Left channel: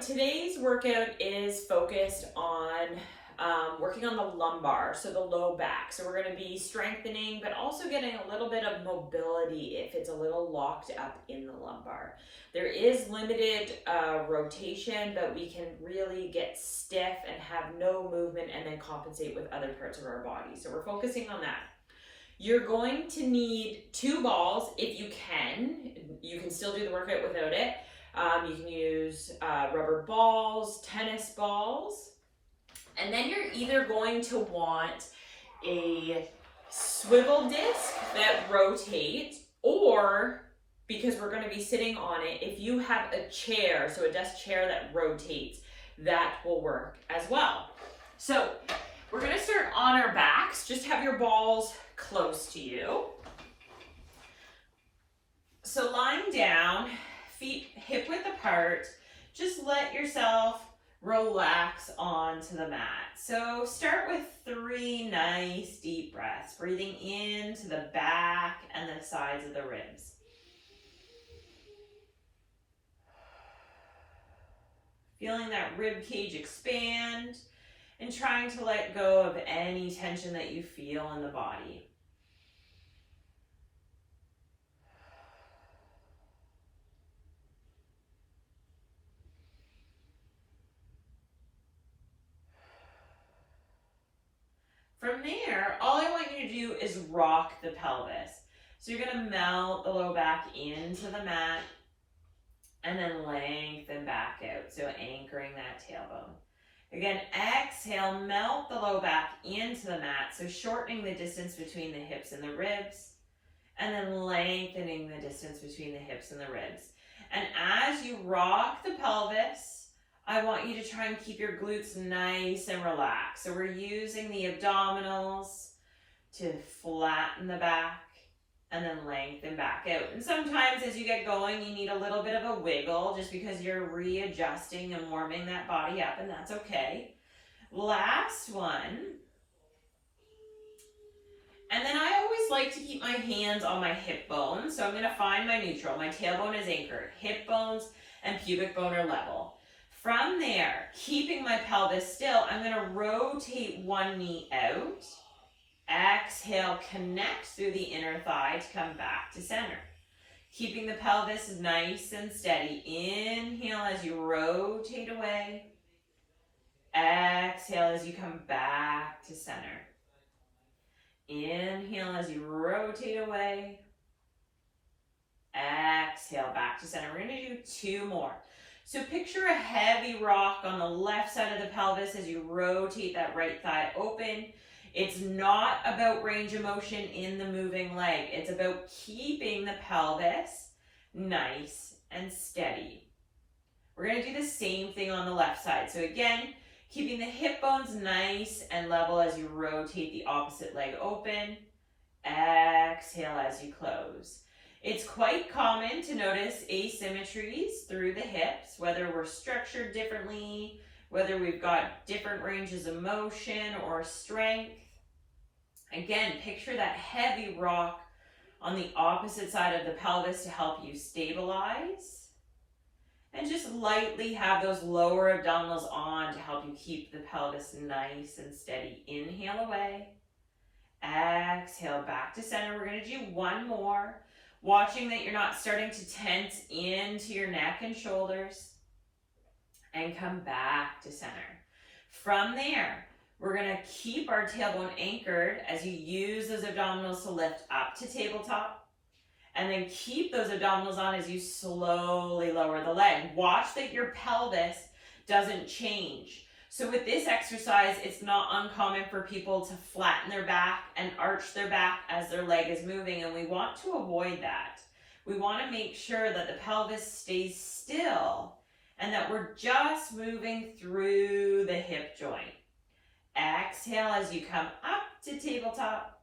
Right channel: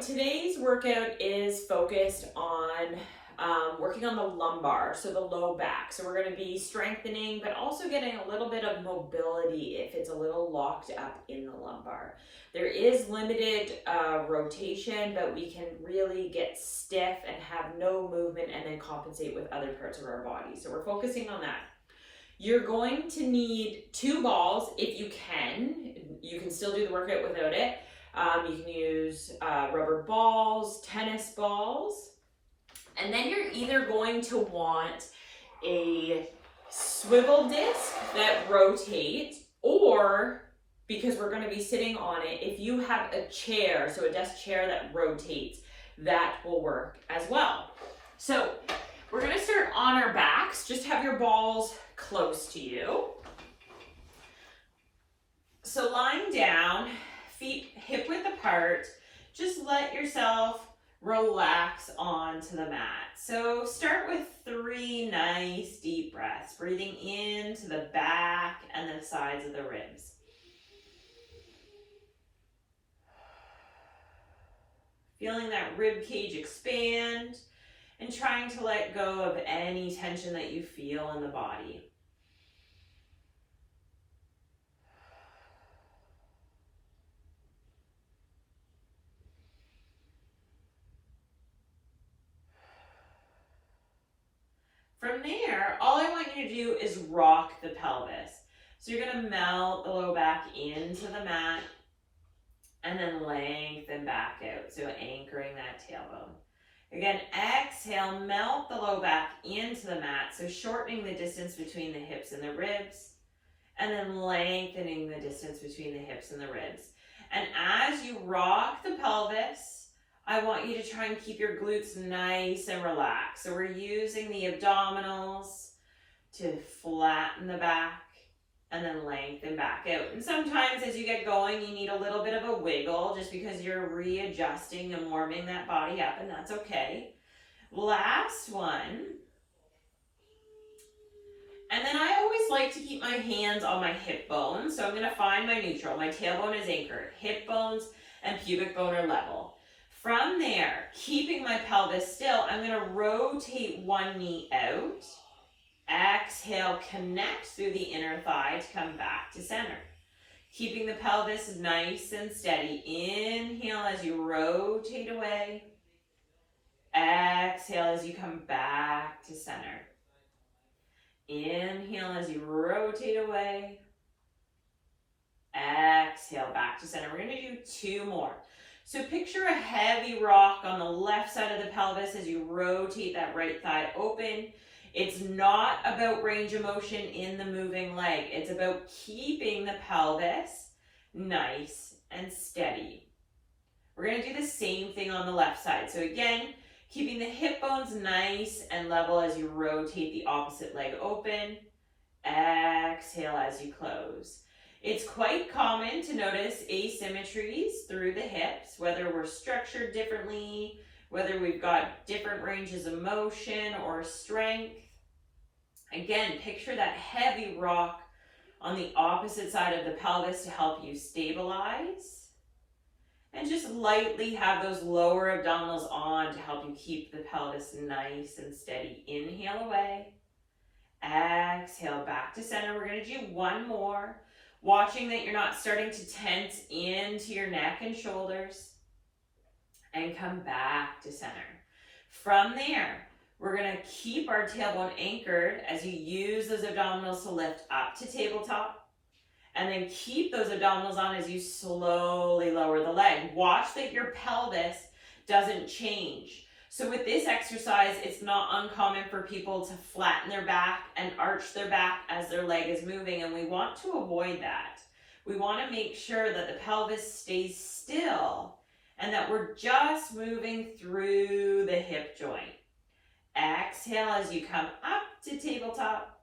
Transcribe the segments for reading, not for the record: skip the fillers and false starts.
So today's workout is focused on working on the lumbar, so the low back. So we're going to be strengthening, but also getting a little bit of mobility if it's a little locked up in the lumbar. There is limited rotation, but we can really get stiff and have no movement and then compensate with other parts of our body. So we're focusing on that. You're going to need 2 balls if you can. You can still do the workout without it. You can use rubber balls, tennis balls, and then you're either going to want a swivel disc that rotates, or, because we're going to be sitting on it, if you have a chair, so a desk chair that rotates, that will work as well. So we're going to start on our backs. Just have your balls close to you. So lying down, feet hip width apart, just let yourself relax onto the mat. So start with 3 nice deep breaths, breathing into the back and the sides of the ribs. Feeling that rib cage expand and trying to let go of any tension that you feel in the body. From there, all I want you to do is rock the pelvis. So you're going to melt the low back into the mat and then lengthen back out. So anchoring that tailbone. Again, exhale, melt the low back into the mat. So shortening the distance between the hips and the ribs, and then lengthening the distance between the hips and the ribs. And as you rock the pelvis, I want you to try and keep your glutes nice and relaxed. So we're using the abdominals to flatten the back and then lengthen back out. And sometimes as you get going, you need a little bit of a wiggle just because you're readjusting and warming that body up, and that's okay. Last one. And then I always like to keep my hands on my hip bones. So I'm going to find my neutral. My tailbone is anchored. Hip bones and pubic bone are level. From there, keeping my pelvis still, I'm going to rotate one knee out. Exhale, connect through the inner thigh to come back to center. Keeping the pelvis nice and steady. Inhale as you rotate away. Exhale as you come back to center. Inhale as you rotate away. Exhale back to center. We're going to do 2 more. So picture a heavy rock on the left side of the pelvis as you rotate that right thigh open. It's not about range of motion in the moving leg. It's about keeping the pelvis nice and steady. We're going to do the same thing on the left side. So again, keeping the hip bones nice and level as you rotate the opposite leg open. Exhale as you close. It's quite common to notice asymmetries through the hips, whether we're structured differently, whether we've got different ranges of motion or strength. Again, picture that heavy rock on the opposite side of the pelvis to help you stabilize. And just lightly have those lower abdominals on to help you keep the pelvis nice and steady. Inhale away. Exhale back to center. We're going to do 1 more. Watching that you're not starting to tense into your neck and shoulders, and come back to center. From there, we're going to keep our tailbone anchored as you use those abdominals to lift up to tabletop, and then keep those abdominals on as you slowly lower the leg. Watch that your pelvis doesn't change. So with this exercise, it's not uncommon for people to flatten their back and arch their back as their leg is moving, and we want to avoid that. We want to make sure that the pelvis stays still and that we're just moving through the hip joint. Exhale as you come up to tabletop.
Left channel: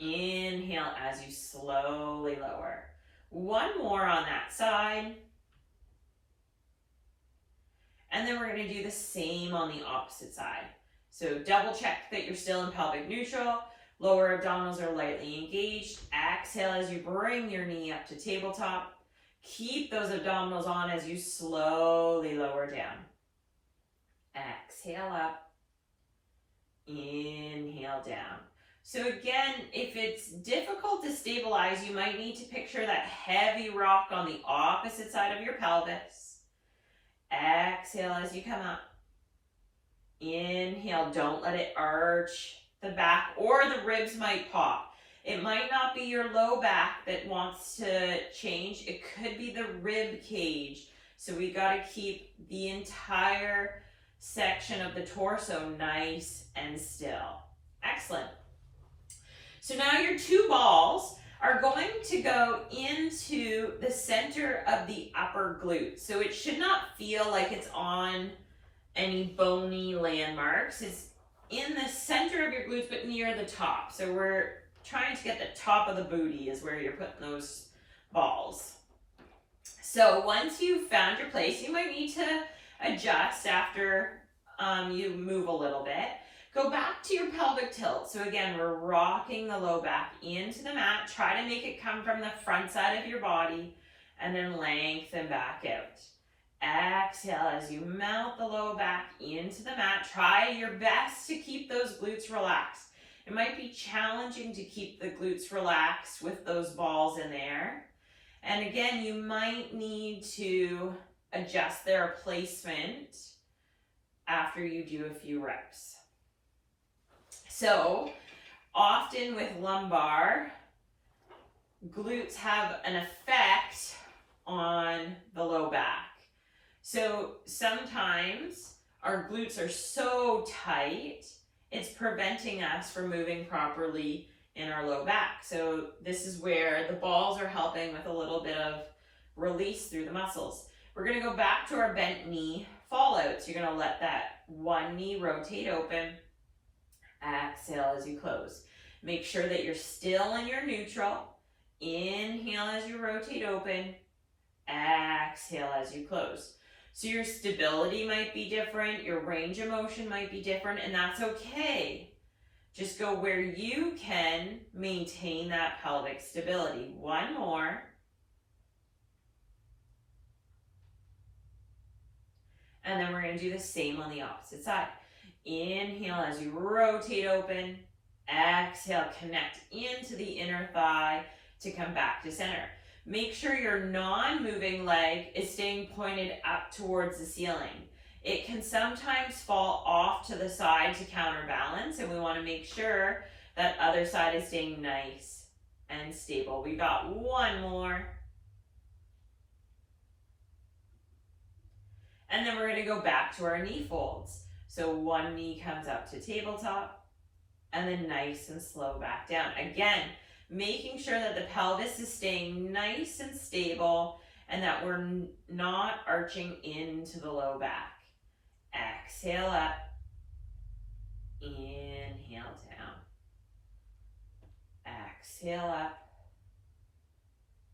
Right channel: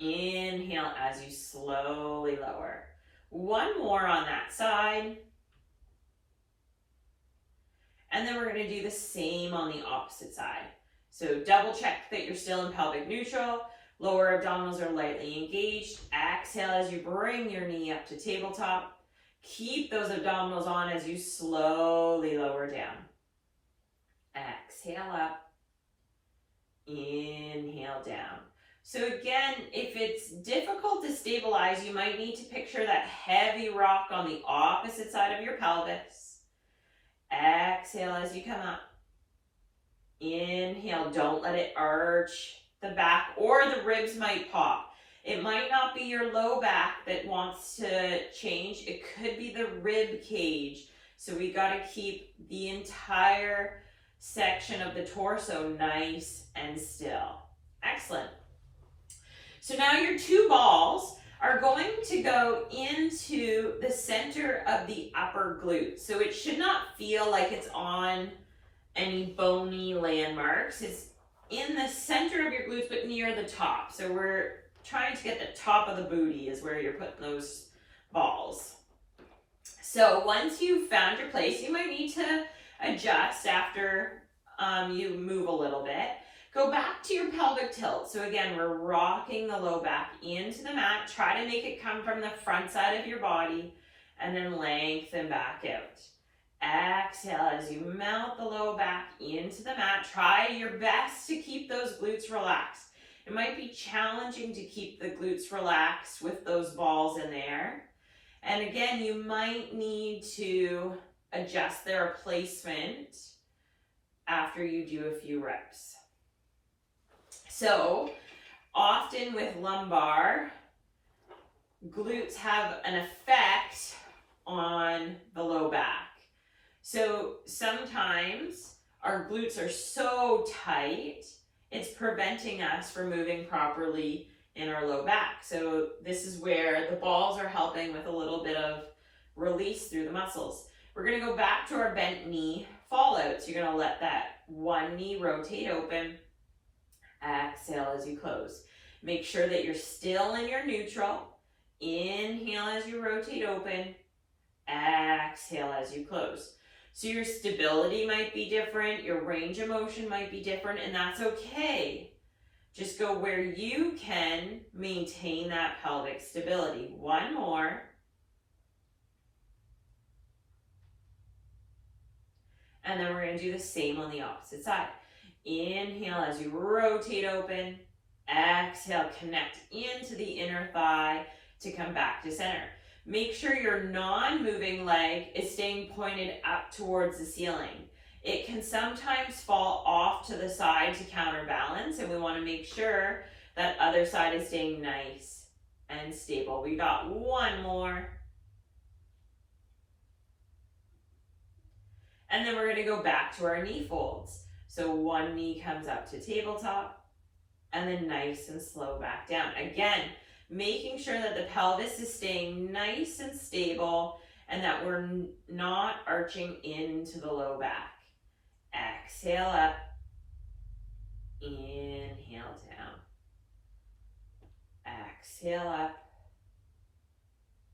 Inhale as you slowly lower. 1 more on that side. And then we're going to do the same on the opposite side. So double check that you're still in pelvic neutral. Lower abdominals are lightly engaged. Exhale as you bring your knee up to tabletop. Keep those abdominals on as you slowly lower down. Exhale up. Inhale down. So again, if it's difficult to stabilize, you might need to picture that heavy rock on the opposite side of your pelvis. Exhale as you come up. Inhale, don't let it arch the back, or the ribs might pop. It might not be your low back that wants to change. It could be the rib cage. So we got to keep the entire section of the torso nice and still. Excellent. So now your two balls are going to go into the center of the upper glute. So it should not feel like it's on any bony landmarks. It's in the center of your glutes, but near the top. So we're trying to get the top of the booty is where you're putting those balls. So once you've found your place, you might need to adjust after you move a little bit. Go back to your pelvic tilt. So again, we're rocking the low back into the mat. Try to make it come from the front side of your body and then lengthen back out. Exhale as you melt the low back into the mat. Try your best to keep those glutes relaxed. It might be challenging to keep the glutes relaxed with those balls in there. And again, you might need to adjust their placement after you do a few reps. So often with lumbar, glutes have an effect on the low back. So sometimes our glutes are so tight, it's preventing us from moving properly in our low back. So this is where the balls are helping with a little bit of release through the muscles. We're going to go back to our bent knee fallout. So you're going to let that one knee rotate open. Exhale as you close. Make sure that you're still in your neutral. Inhale as you rotate open. Exhale as you close. So your stability might be different, your range of motion might be different, and that's okay. Just go where you can maintain that pelvic stability. One more. And then we're going to do the same on the opposite side. Inhale as you rotate open. Exhale, connect into the inner thigh to come back to center. Make sure your non-moving leg is staying pointed up towards the ceiling. It can sometimes fall off to the side to counterbalance, and we want to make sure that other side is staying nice and stable. We got one more. And then we're going to go back to our knee folds. So one knee comes up to tabletop, and then nice and slow back down. Again, making sure that the pelvis is staying nice and stable and that we're not arching into the low back. Exhale up. Inhale down. Exhale up.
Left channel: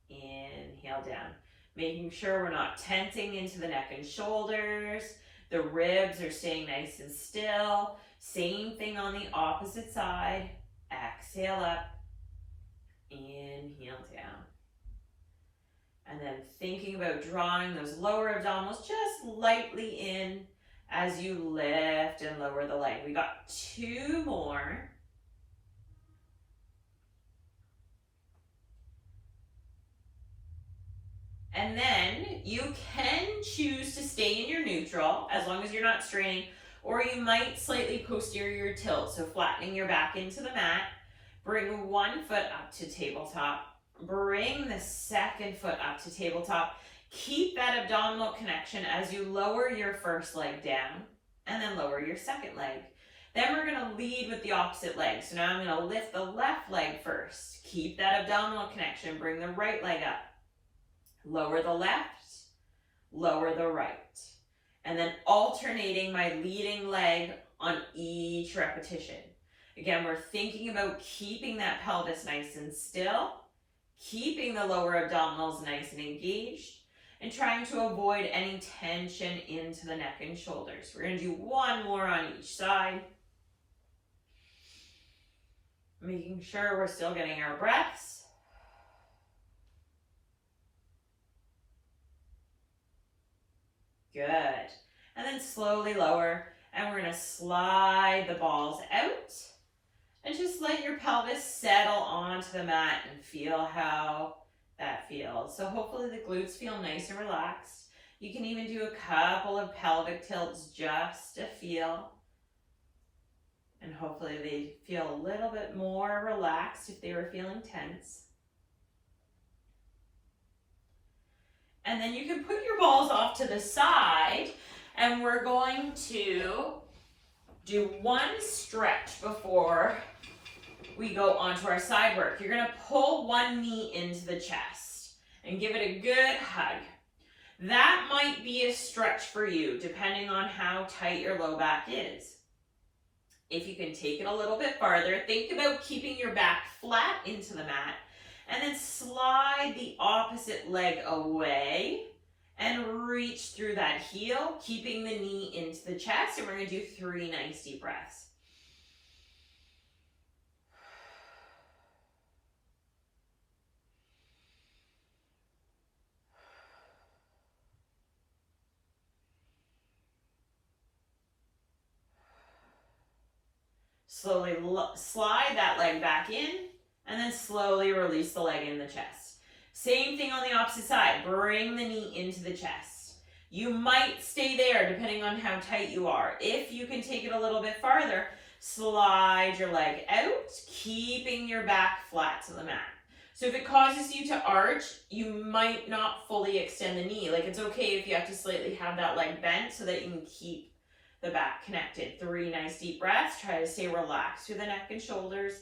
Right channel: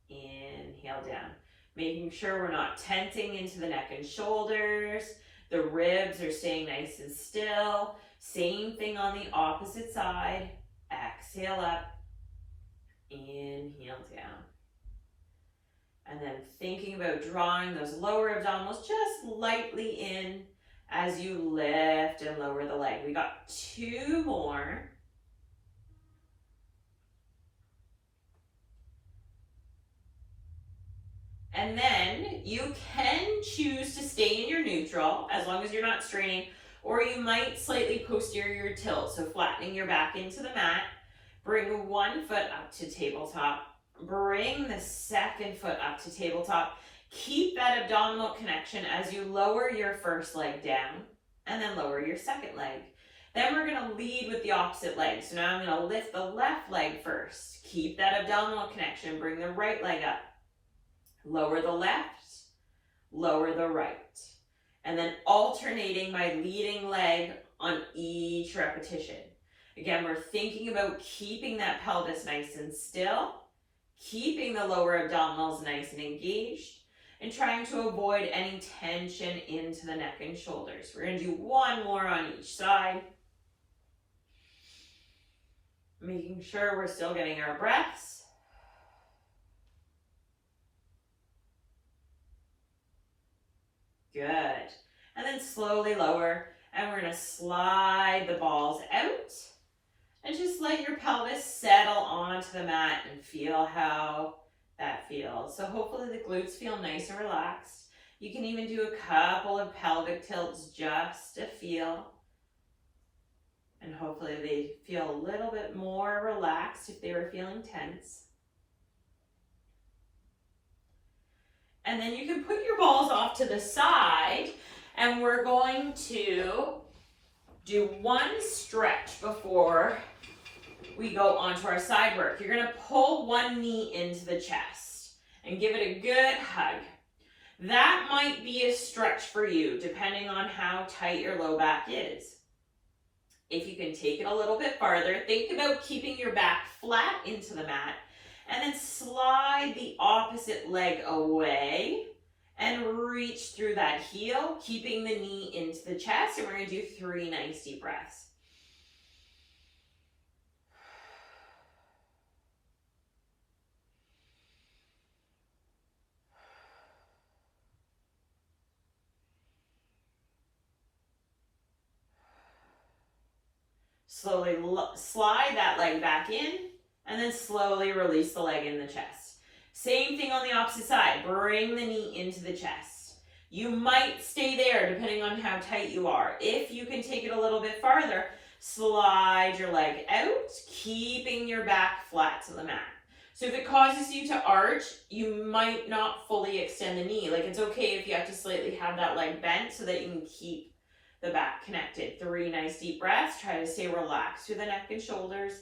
Inhale down. Making sure we're not tensing into the neck and shoulders. The ribs are staying nice and still. Same thing on the opposite side. Exhale up. Inhale down. And then thinking about drawing those lower abdominals just lightly in as you lift and lower the leg. We got two more. And then you can choose to stay in your neutral as long as you're not straining, or you might slightly posterior tilt, so flattening your back into the mat. Bring one foot up to tabletop. Bring the second foot up to tabletop. Keep that abdominal connection as you lower your first leg down and then lower your second leg. Then we're going to lead with the opposite leg. So now I'm going to lift the left leg first. Keep that abdominal connection. Bring the right leg up. Lower the left, lower the right. And then alternating my leading leg on each repetition. Again, we're thinking about keeping that pelvis nice and still, keeping the lower abdominals nice and engaged, and trying to avoid any tension into the neck and shoulders. We're going to do one more on each side. Making sure we're still getting our breaths. Good. And then slowly lower, and we're gonna slide the balls out and just let your pelvis settle onto the mat and feel how that feels. So hopefully the glutes feel nice and relaxed. You can even do a couple of pelvic tilts just to feel. And hopefully they feel a little bit more relaxed if they were feeling tense. And then you can put your balls off to the side, and we're going to do one stretch before we go onto our side work. You're gonna pull one knee into the chest and give it a good hug. That might be a stretch for you, depending on how tight your low back is. If you can take it a little bit farther, think about keeping your back flat into the mat, and then slide the opposite leg away and reach through that heel, keeping the knee into the chest. And we're gonna do 3 nice deep breaths. Slowly slide that leg back in, and then slowly release the leg in the chest. Same thing on the opposite side. Bring the knee into the chest. You might stay there depending on how tight you are. If you can take it a little bit farther, slide your leg out, keeping your back flat to the mat. So if it causes you to arch, you might not fully extend the knee. Like, it's okay if you have to slightly have that leg bent so that you can keep the back connected. 3 nice deep breaths. Try to stay relaxed through the neck and shoulders.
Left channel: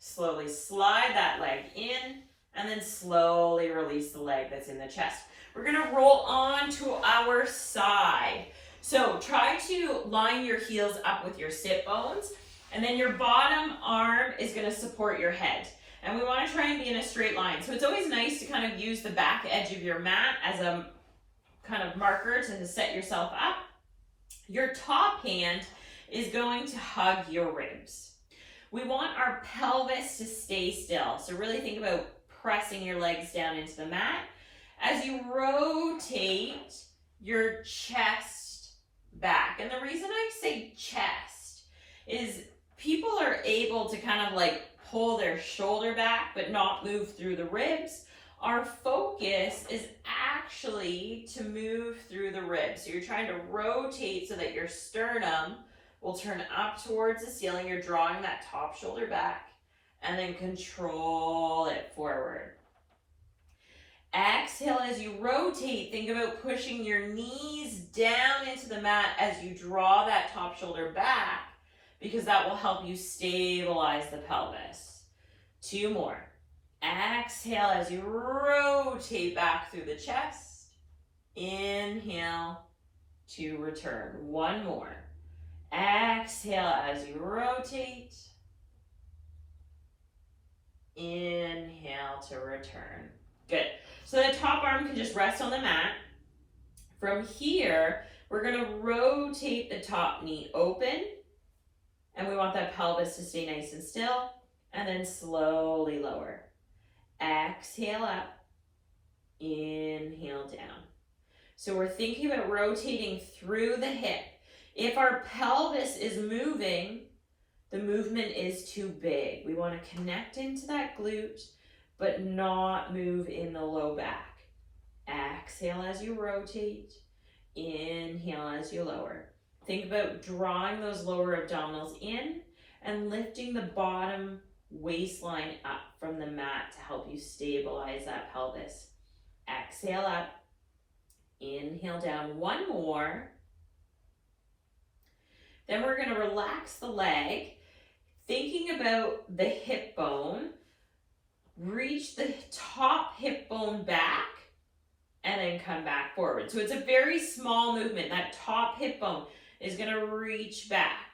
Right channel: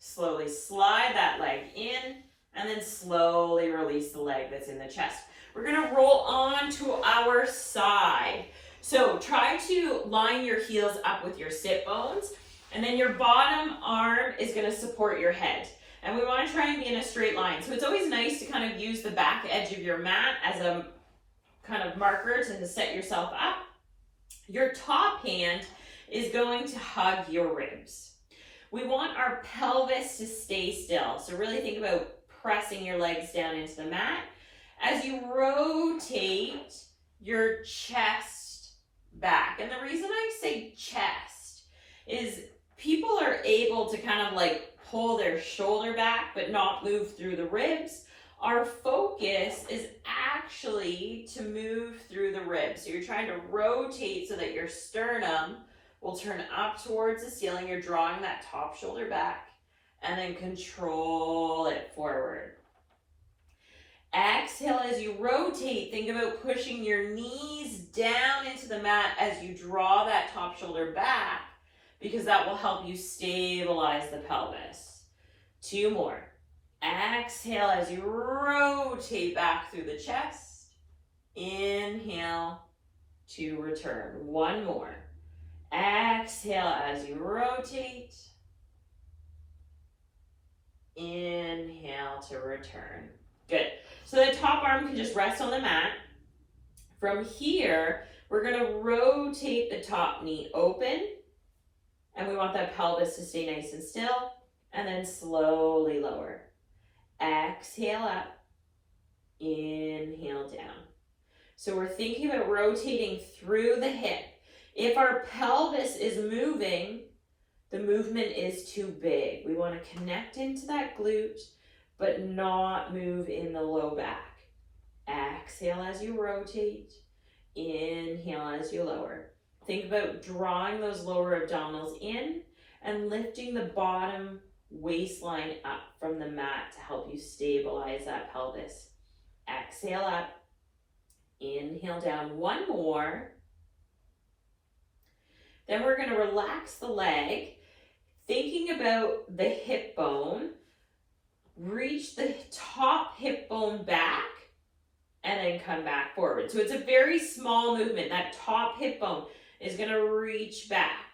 Slowly slide that leg in, and then slowly release the leg that's in the chest. We're gonna roll on to our side. So try to line your heels up with your sit bones, and then your bottom arm is gonna support your head. And we wanna try and be in a straight line. So it's always nice to kind of use the back edge of your mat as a kind of marker to set yourself up. Your top hand is going to hug your ribs. We want our pelvis to stay still. So really think about pressing your legs down into the mat. As you rotate your chest back. And the reason I say chest is people are able to kind of like pull their shoulder back but not move through the ribs. Our focus is actually to move through the ribs. So you're trying to rotate so that your sternum will turn up towards the ceiling. You're drawing that top shoulder back, and then control it forward. Exhale as you rotate. Think about pushing your knees down into the mat as you draw that top shoulder back, because that will help you stabilize the pelvis. 2 more. Exhale as you rotate back through the chest. Inhale to return. 1 more. Exhale as you rotate. Inhale to return. Good. So the top arm can just rest on the mat. From here, we're going to rotate the top knee open. And we want that pelvis to stay nice and still. And then slowly lower. Exhale up. Inhale down. So we're thinking about rotating through the hip. If our pelvis is moving, the movement is too big. We want to connect into that glute, but not move in the low back. Exhale as you rotate. Inhale as you lower. Think about drawing those lower abdominals in and lifting the bottom waistline up from the mat to help you stabilize that pelvis. Exhale up. Inhale down. 1 more. Then we're going to relax the leg, thinking about the hip bone. Reach the top hip bone back and then come back forward. So it's a very small movement. That top hip bone is going to reach back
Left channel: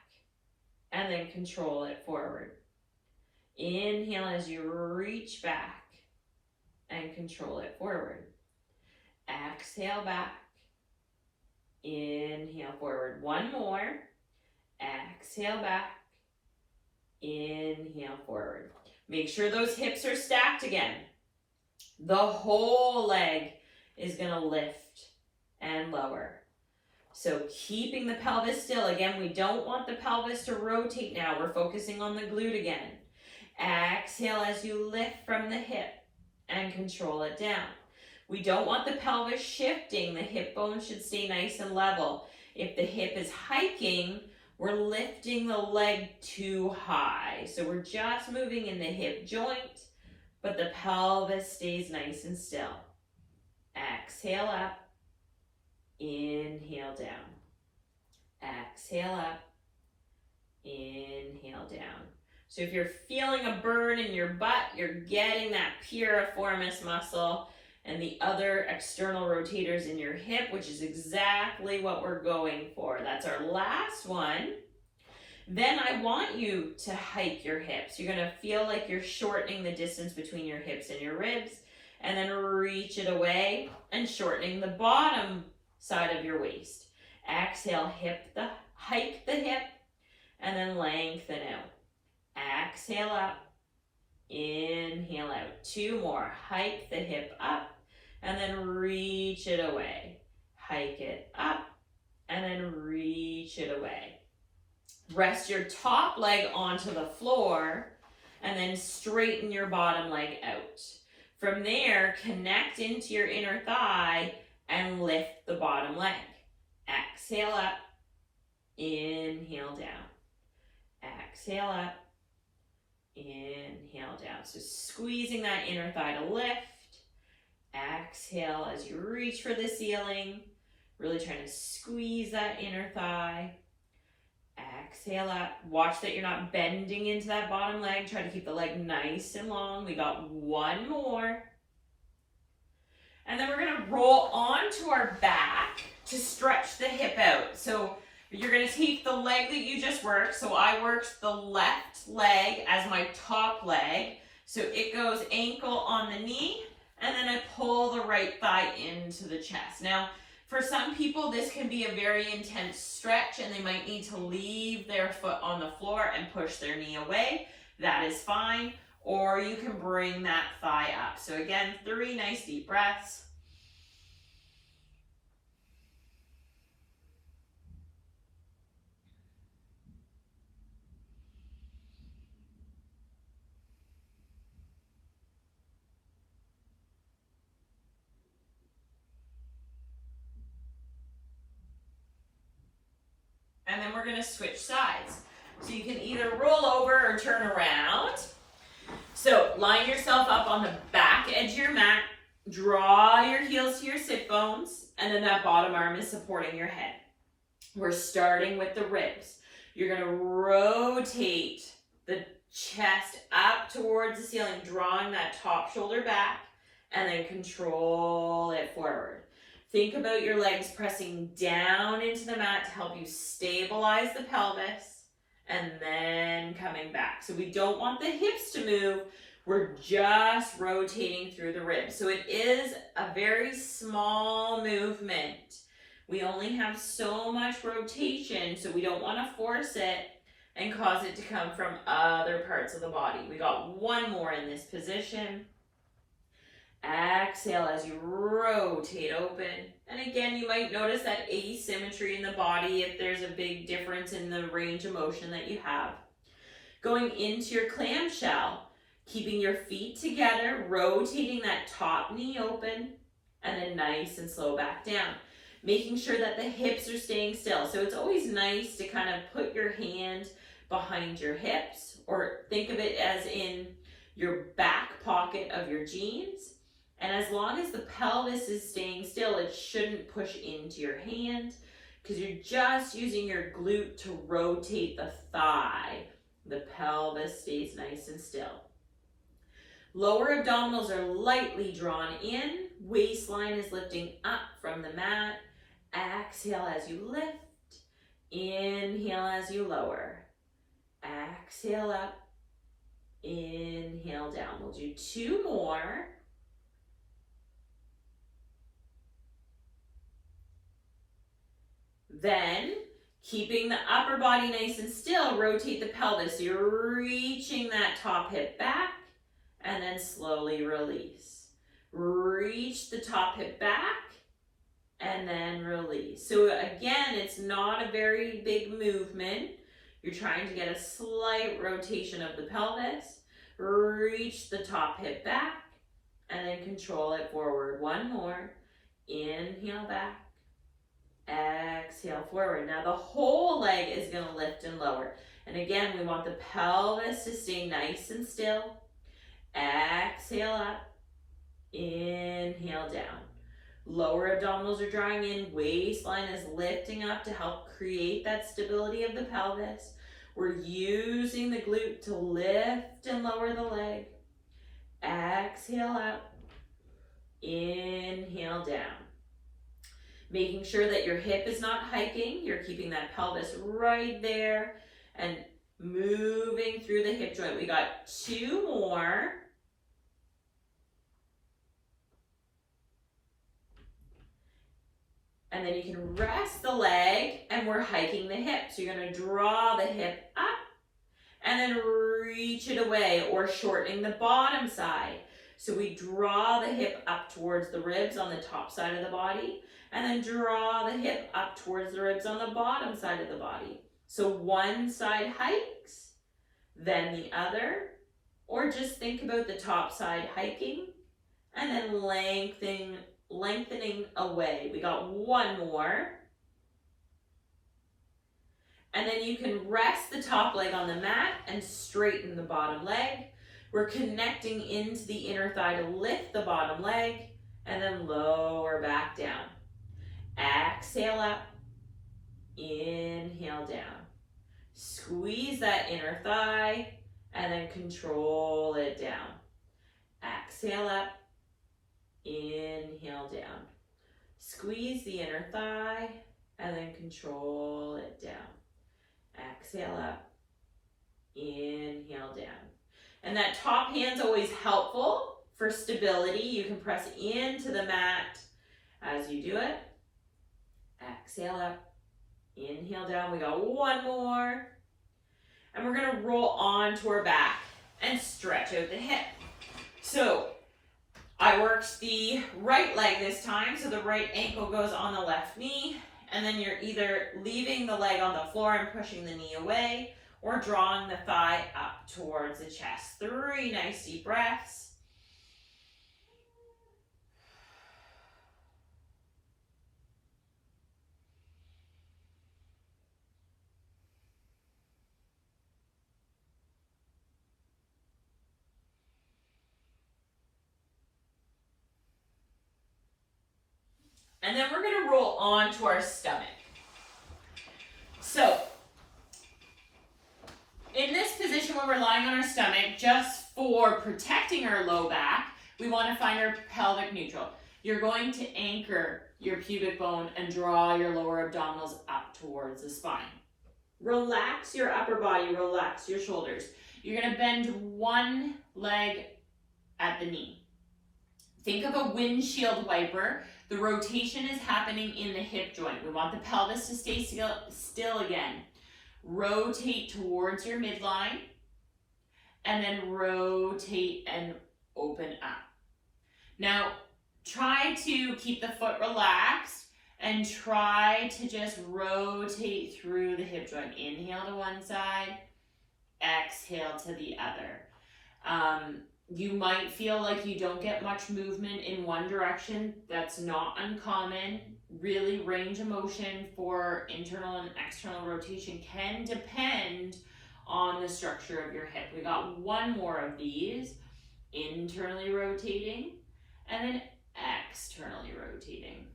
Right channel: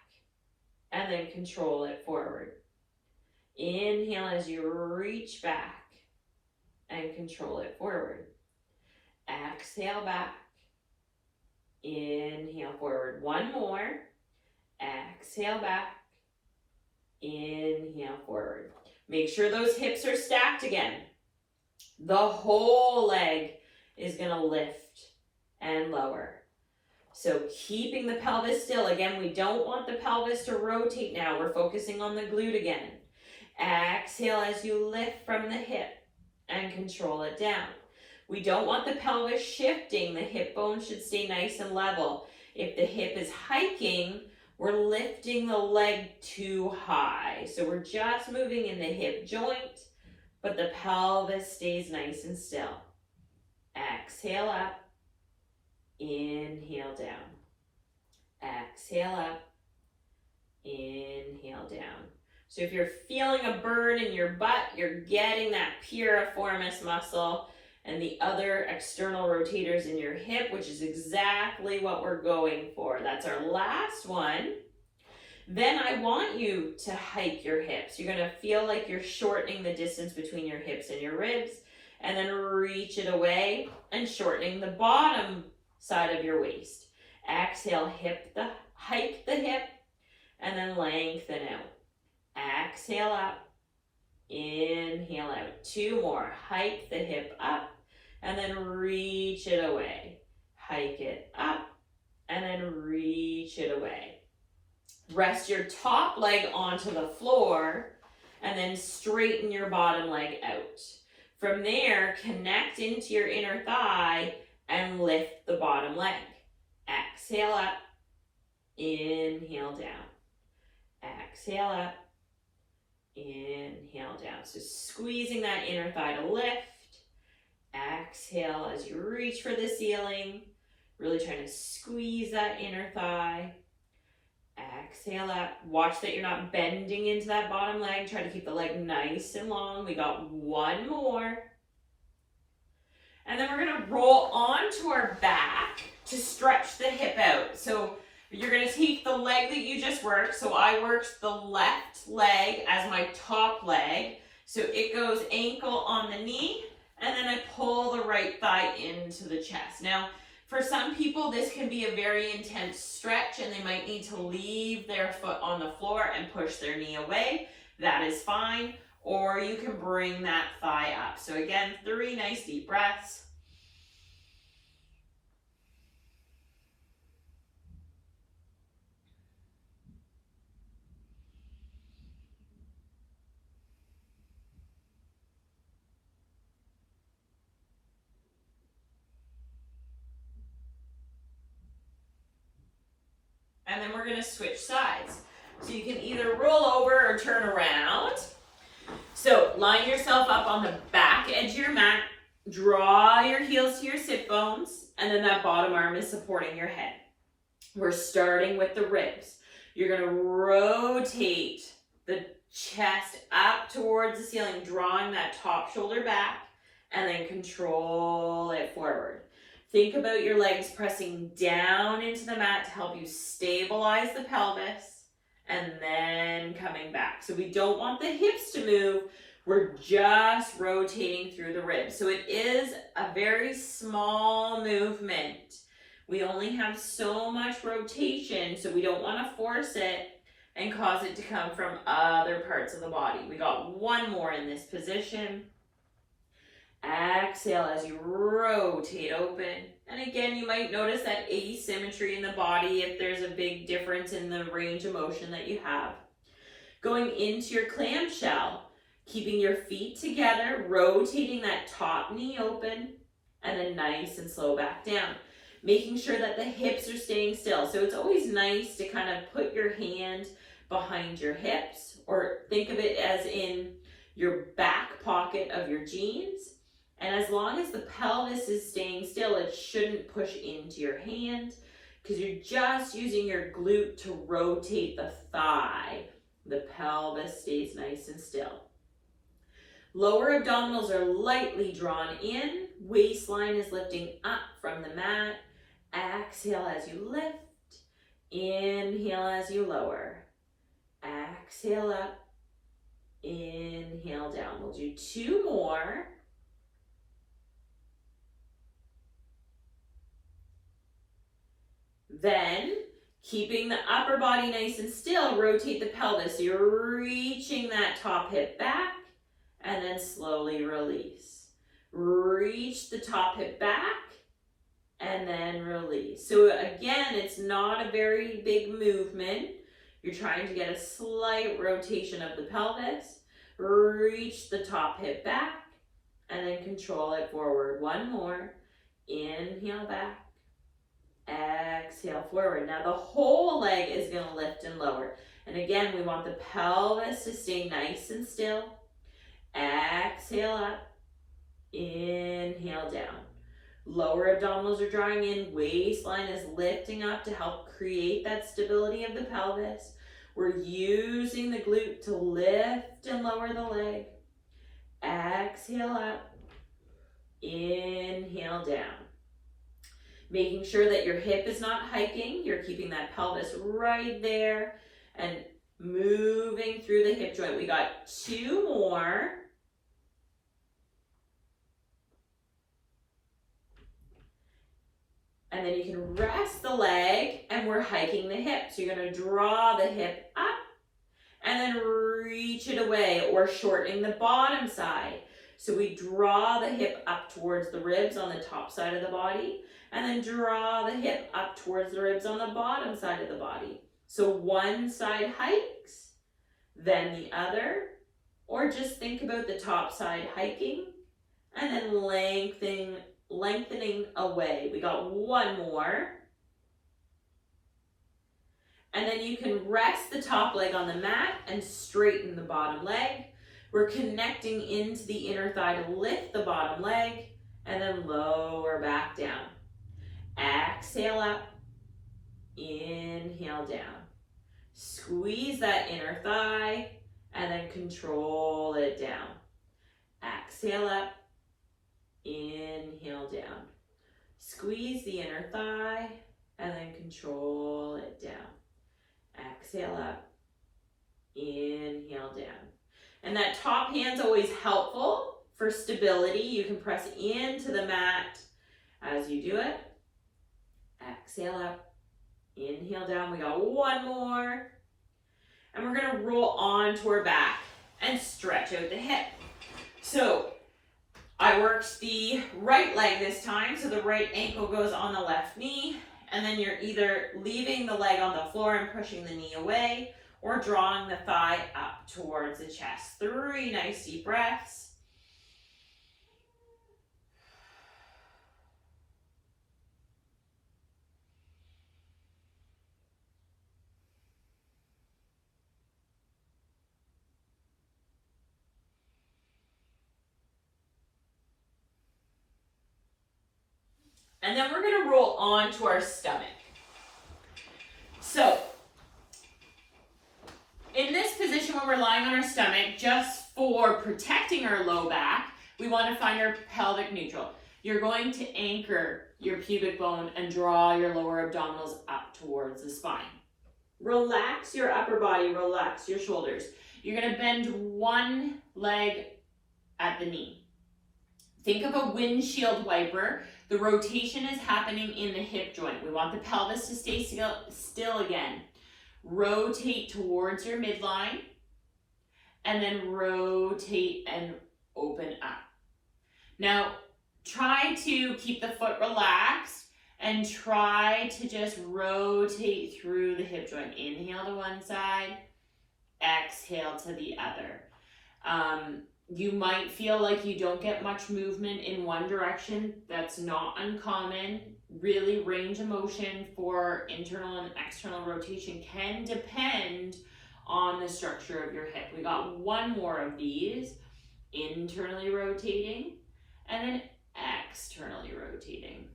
and then control it forward. Inhale as you reach back and control it forward. Exhale back. Inhale forward. One more. Exhale back. Inhale forward. Make sure those hips are stacked again. The whole leg is going to lift and lower. So keeping the pelvis still. Again, we don't want the pelvis to rotate now. We're focusing on the glute again. Exhale as you lift from the hip and control it down. We don't want the pelvis shifting. The hip bone should stay nice and level. If the hip is hiking, we're lifting the leg too high. So we're just moving in the hip joint, but the pelvis stays nice and still. Exhale up. Inhale down. Exhale up. Inhale down. So if you're feeling a burn in your butt, you're getting that piriformis muscle and the other external rotators in your hip, which is exactly what we're going for. That's our last one. Then I want you to hike your hips. You're going to feel like you're shortening the distance between your hips and your ribs, and then reach it away and shortening the bottom side of your waist. Exhale, hike the hip, and then lengthen out. Exhale up, inhale out. Two more. Hike the hip up, and then reach it away. Hike it up, and then reach it away. Rest your top leg onto the floor, and then straighten your bottom leg out. From there, connect into your inner thigh and lift the bottom leg. Exhale up, inhale down. Exhale up, inhale down. So squeezing that inner thigh to lift. Exhale as you reach for the ceiling. Really trying to squeeze that inner thigh. Exhale up. Watch that you're not bending into that bottom leg. Try to keep the leg nice and long. We got one more. And then we're going to roll onto our back to stretch the hip out. So you're going to take the leg that you just worked. So I worked the left leg as my top leg. So it goes ankle on the knee, and then I pull the right thigh into the chest. Now, for some people, this can be a very intense stretch, and they might need to leave their foot on the floor and push their knee away. That is fine. Or you can bring that thigh up. So again, 3 nice deep breaths. And then we're going to switch sides. So you can either roll over or turn around. So line yourself up on the back edge of your mat. Draw your heels to your sit bones. And then that bottom arm is supporting your head. We're starting with the ribs. You're going to rotate the chest up towards the ceiling, drawing that top shoulder back, and then control it forward. Think about your legs pressing down into the mat to help you stabilize the pelvis, and then coming back. So we don't want the hips to move. We're just rotating through the ribs. So it is a very small movement. We only have so much rotation, so we don't want to force it and cause it to come from other parts of the body. We got one more in this position. Exhale as you rotate open. And again, you might notice that asymmetry in the body if there's a big difference in the range of motion that you have. Going into your clamshell, keeping your feet together, rotating that top knee open, and then nice and slow back down. Making sure that the hips are staying still. So it's always nice to kind of put your hand behind your hips, or think of it as in your back pocket of your jeans. And as long as the pelvis is staying still, it shouldn't push into your hand, because you're just using your glute to rotate the thigh. The pelvis stays nice and still. Lower abdominals are lightly drawn in. Waistline is lifting up from the mat. Exhale as you lift. Inhale as you lower. Exhale up. Inhale down. We'll do 2 more. Then, keeping the upper body nice and still, rotate the pelvis. You're reaching that top hip back, and then slowly release. Reach the top hip back, and then release. So again, it's not a very big movement. You're trying to get a slight rotation of the pelvis. Reach the top hip back, and then control it forward. One more. Inhale back. Exhale forward. Now the whole leg is going to lift and lower. And again, we want the pelvis to stay nice and still. Exhale up. Inhale down. Lower abdominals are drawing in. Waistline is lifting up to help create that stability of the pelvis. We're using the glute to lift and lower the leg. Exhale up. Inhale down. Making sure that your hip is not hiking. You're keeping that pelvis right there and moving through the hip joint. We got 2 more. And then you can rest the leg, and we're hiking the hip. So you're going to draw the hip up and then reach it away, or shortening the bottom side. So we draw the hip up towards the ribs on the top side of the body, and then draw the hip up towards the ribs on the bottom side of the body. So one side hikes, then the other, or just think about the top side hiking, and then lengthening away. We got 1 more. And then you can rest the top leg on the mat and straighten the bottom leg. We're connecting into the inner thigh to lift the bottom leg, and then lower back down. Exhale up. Inhale down. Squeeze that inner thigh, and then control it down. Exhale up. Inhale down. Squeeze the inner thigh, and then control it down. Exhale up. Inhale down. And that top hand's always helpful for stability. You can press into the mat as you do it. Exhale up. Inhale down. We got 1 more. And we're going to roll onto our back and stretch out the hip. So I worked the right leg this time, so the right ankle goes on the left knee, and then you're either leaving the leg on the floor and pushing the knee away, or drawing the thigh up towards the chest. 3 nice deep breaths. And then we're going to roll onto our stomach. So, in this position when we're lying on our stomach, just for protecting our low back, we want to find our pelvic neutral. You're going to anchor your pubic bone and draw your lower abdominals up towards the spine. Relax your upper body, relax your shoulders. You're going to bend one leg at the knee. Think of a windshield wiper. The rotation is happening in the hip joint. We want the pelvis to stay still again. Rotate towards your midline, and then rotate and open up. Now, try to keep the foot relaxed and try to just rotate through the hip joint. Inhale to one side, exhale to the other. You might feel like you don't get much movement in one direction. That's not uncommon. Really, range of motion for internal and external rotation can depend on the structure of your hip. We got 1 more of these. Internally rotating, and then externally rotating.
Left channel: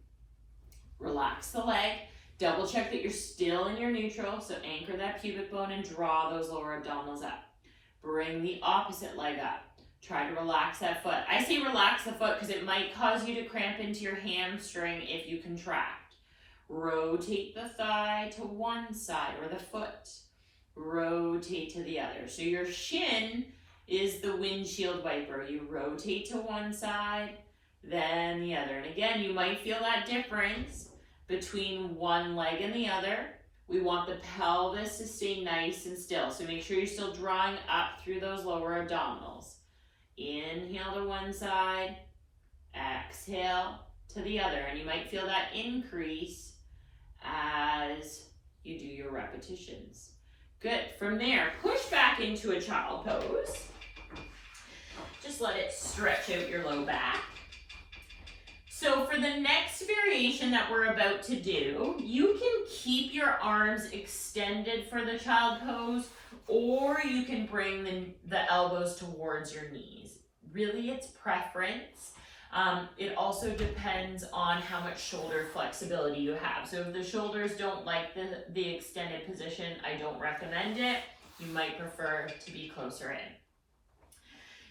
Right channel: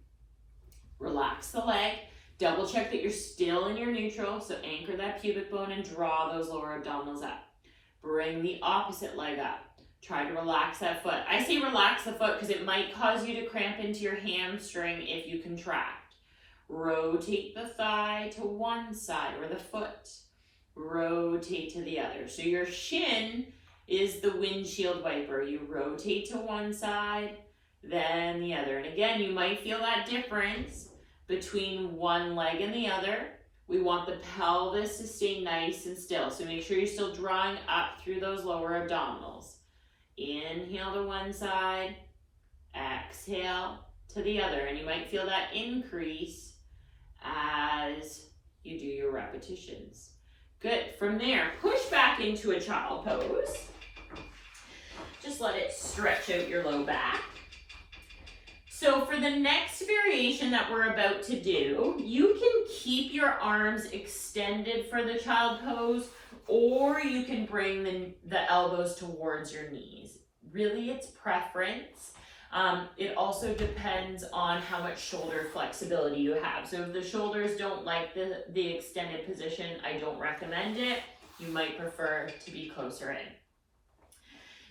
Relax the leg. Double check that you're still in your neutral, so anchor that pubic bone and draw those lower abdominals up. Bring the opposite leg up. Try to relax that foot. I say relax the foot because it might cause you to cramp into your hamstring if you contract. Rotate the thigh to one side or the foot. Rotate to the other. So your shin is the windshield wiper. You rotate to one side, then the other. And again, you might feel that difference between one leg and the other. We want the pelvis to stay nice and still. So make sure you're still drawing up through those lower abdominals. Inhale to one side, exhale to the other. And you might feel that increase as you do your repetitions. Good. From there, push back into a child pose. Just let it stretch out your low back. So for the next variation that we're about to do, you can keep your arms extended for the child pose, or you can bring the elbows towards your knees. Really, it's preference. It also depends on how much shoulder flexibility you have. So if the shoulders don't like the extended position, I don't recommend it. You might prefer to be closer in.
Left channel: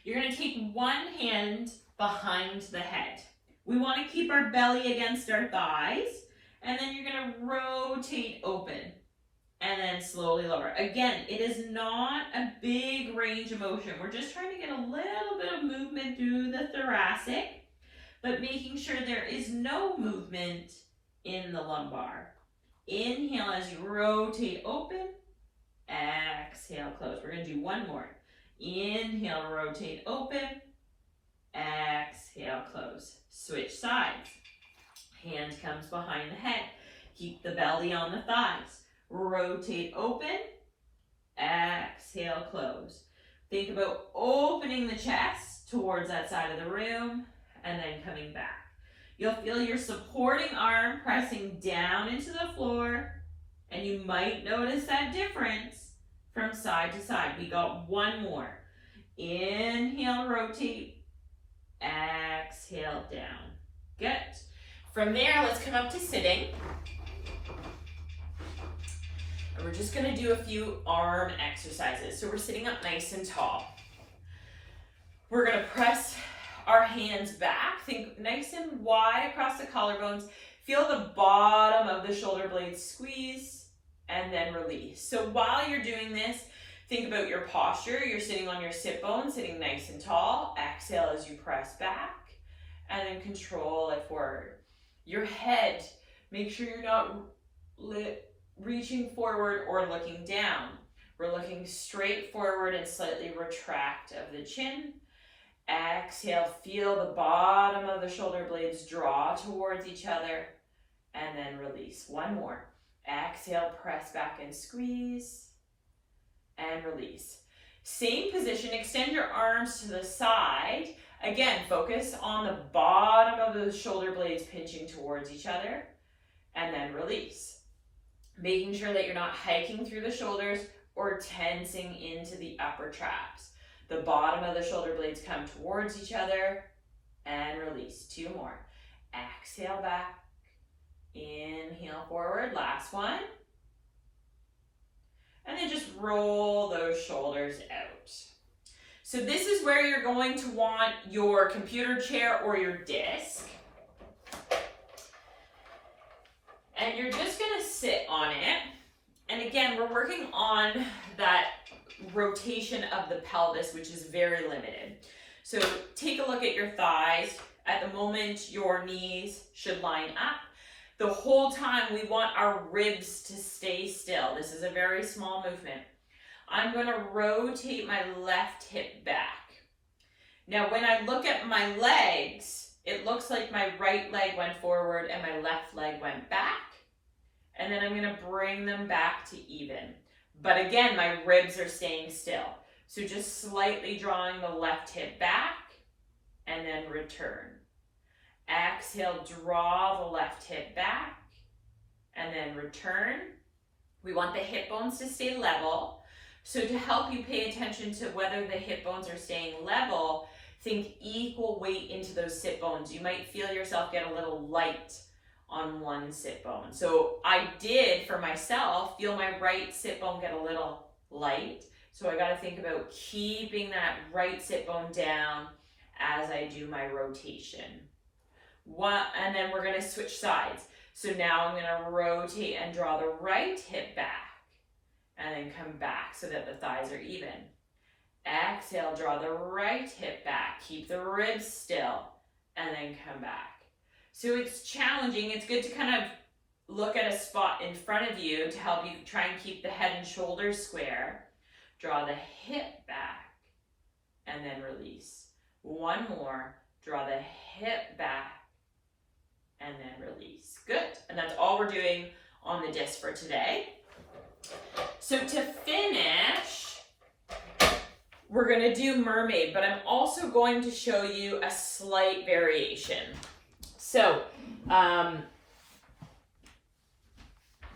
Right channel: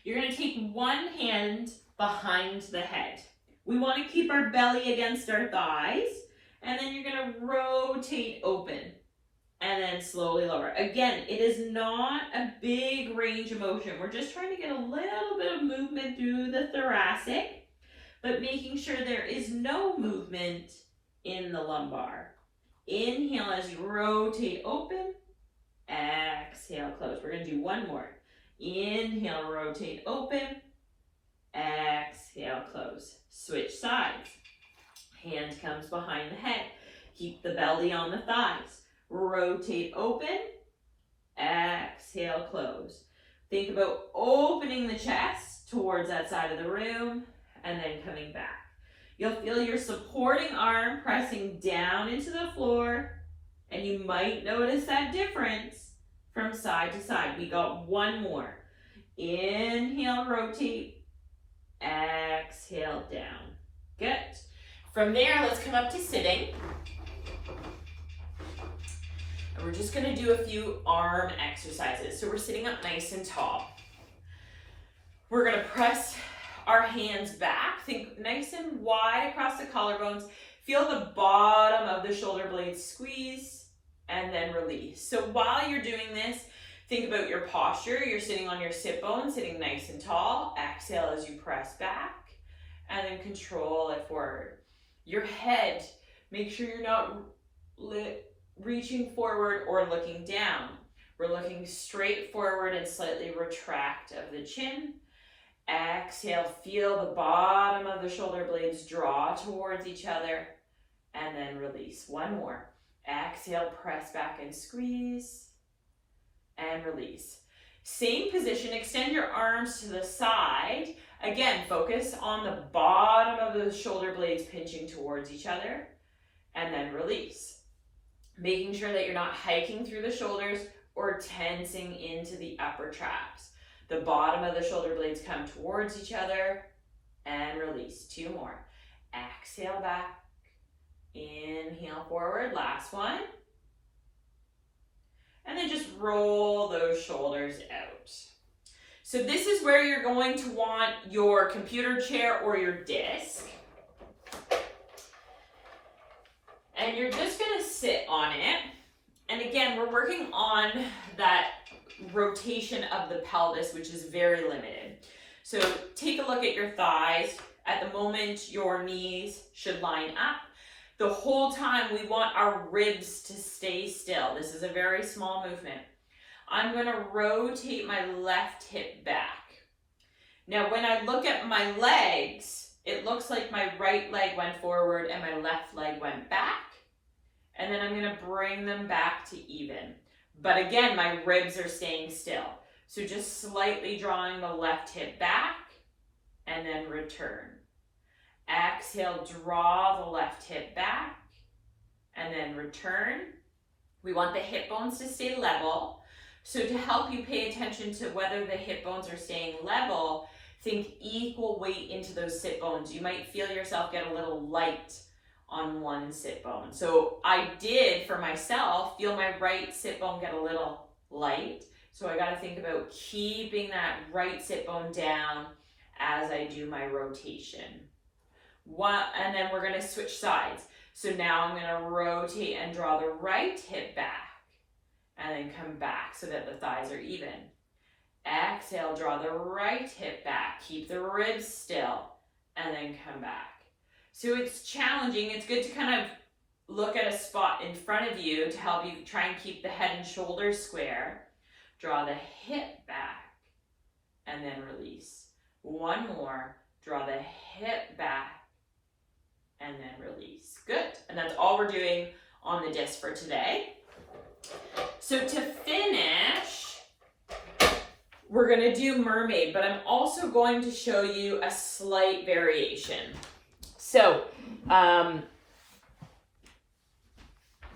You're going to take one hand behind the head. We want to keep our belly against our thighs, and then you're going to rotate open and then slowly lower. Again, it is not a big range of motion. We're just trying to get a little bit of movement through the thoracic, but making sure there is no movement in the lumbar. Inhale as you rotate open, exhale, close. We're going to do one more. Inhale, rotate open, exhale, close. Switch sides. Hand comes behind the head. Keep the belly on the thighs. Rotate open, exhale, close. Think about opening the chest towards that side of the room and then coming back. You'll feel your supporting arm pressing down into the floor, and you might notice that difference from side to side. We got one more. Inhale, rotate, exhale, down. Good. From there, let's come up to sitting. And we're just going to do a few arm exercises. So we're sitting up nice and tall. We're going to press our hands back. Think nice and wide across the collarbones. Feel the bottom of the shoulder blades squeeze and then release. So while you're doing this, think about your posture. You're sitting on your sit bone, sitting nice and tall. Exhale as you press back and then control it forward. Your head, make sure you're not reaching forward or looking down. We're looking straight forward and slightly retract of the chin. Exhale, feel the bottom of the shoulder blades draw towards each other and then release. One more. Exhale, press back and squeeze and release. Same position, extend your arms to the side. Again, focus on the bottom of the shoulder blades pinching towards each other and then release. Making sure that you're not hiking through the shoulders or tensing into the upper traps. The bottom of the shoulder blades come towards each other and release. Two more. Exhale back. Inhale forward. Last one. And then just roll those shoulders out. So this is where you're going to want your computer chair or your disc. And you're just going to sit on it. And again, we're working on that rotation of the pelvis, which is very limited. So take a look at your thighs. At the moment, your knees should line up. The whole time, we want our ribs to stay still. This is a very small movement. I'm going to rotate my left hip back. Now, when I look at my legs, it looks like my right leg went forward and my left leg went back. And then I'm going to bring them back to even. But again, my ribs are staying still. So just slightly drawing the left hip back and then return. Exhale, draw the left hip back and then return. We want the hip bones to stay level. So to help you pay attention to whether the hip bones are staying level, think equal weight into those sit bones. You might feel yourself get a little light on one sit bone. So I did, for myself, feel my right sit bone get a little light. So I got to think about keeping that right sit bone down as I do my rotation. And then we're going to switch sides. So now I'm going to rotate and draw the right hip back and then come back so that the thighs are even. Exhale, draw the right hip back. Keep the ribs still and then come back. So it's challenging. It's good to kind of look at a spot in front of you to help you try and keep the head and shoulders square. Draw the hip back and then release. One more. Draw the hip back and then release. Good. And that's all we're doing on the disc for today. So to finish, we're going to do mermaid, but I'm also going to show you a slight variation. So,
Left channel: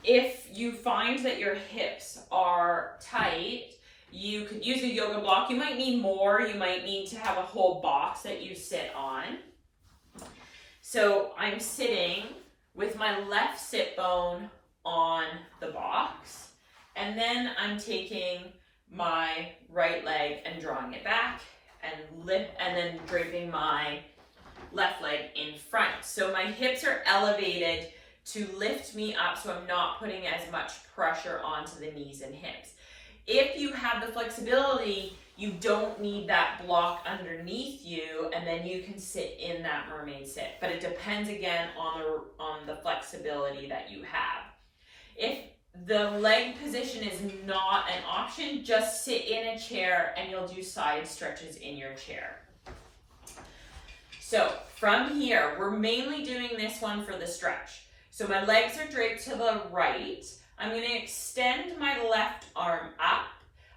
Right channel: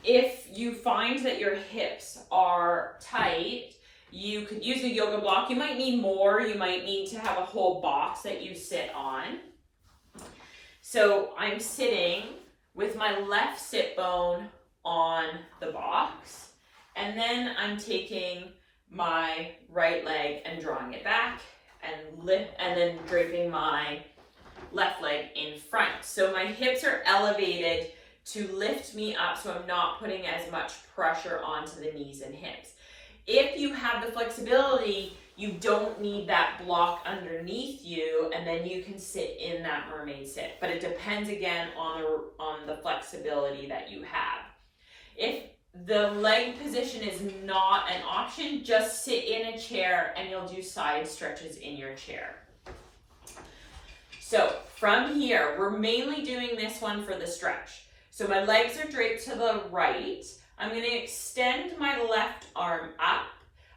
if you find that your hips are tight, you could use a yoga block. You might need more. You might need to have a whole box that you sit on. So I'm sitting with my left sit bone on the box, and then I'm taking my right leg and drawing it back and lift, and then draping my left leg in front. So my hips are elevated to lift me up, so I'm not putting as much pressure onto the knees and hips. If you have the flexibility, you don't need that block underneath you, and then you can sit in that mermaid sit. But it depends again on the flexibility that you have. If the leg position is not an option, just sit in a chair and you'll do side stretches in your chair. So from here, we're mainly doing this one for the stretch. So my legs are draped to the right. I'm going to extend my left arm up.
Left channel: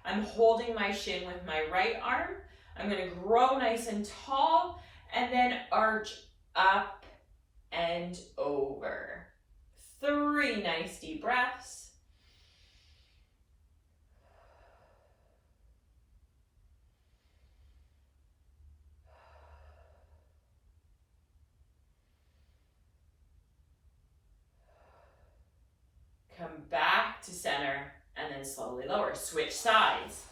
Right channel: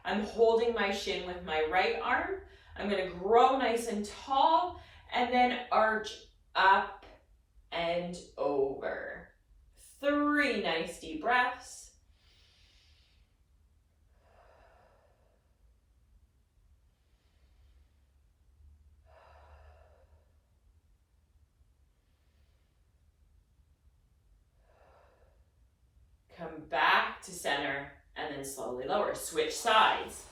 I'm holding my shin with my right arm. I'm going to grow nice and tall and then arch up and over. 3 nice deep breaths. Come back to center and then slowly lower. Switch sides.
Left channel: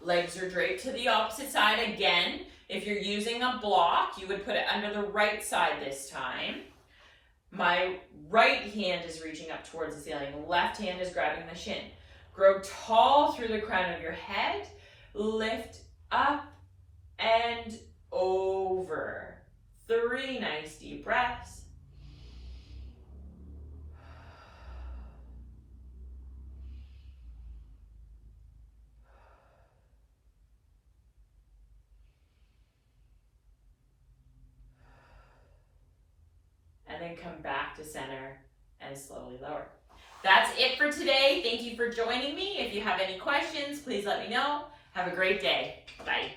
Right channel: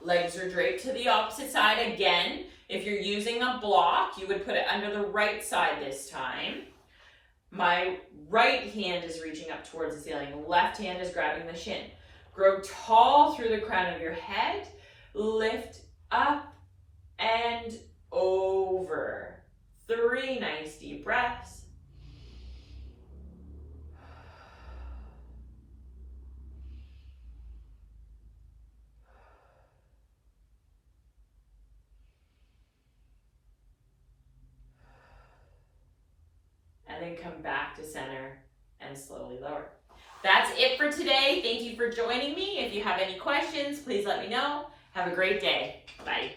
Legs are draped to the opposite side again. If you're using a block, you would put it under the right side this time. My right hand is reaching up towards the ceiling. Left hand is grabbing the shin. Grow tall through the crown of your head. Lift up and over. 3 nice deep breaths. And then come back to center and slowly lower. That's it for today. Thank you for joining me. If you have any questions, please let me know. Have a great day. Bye.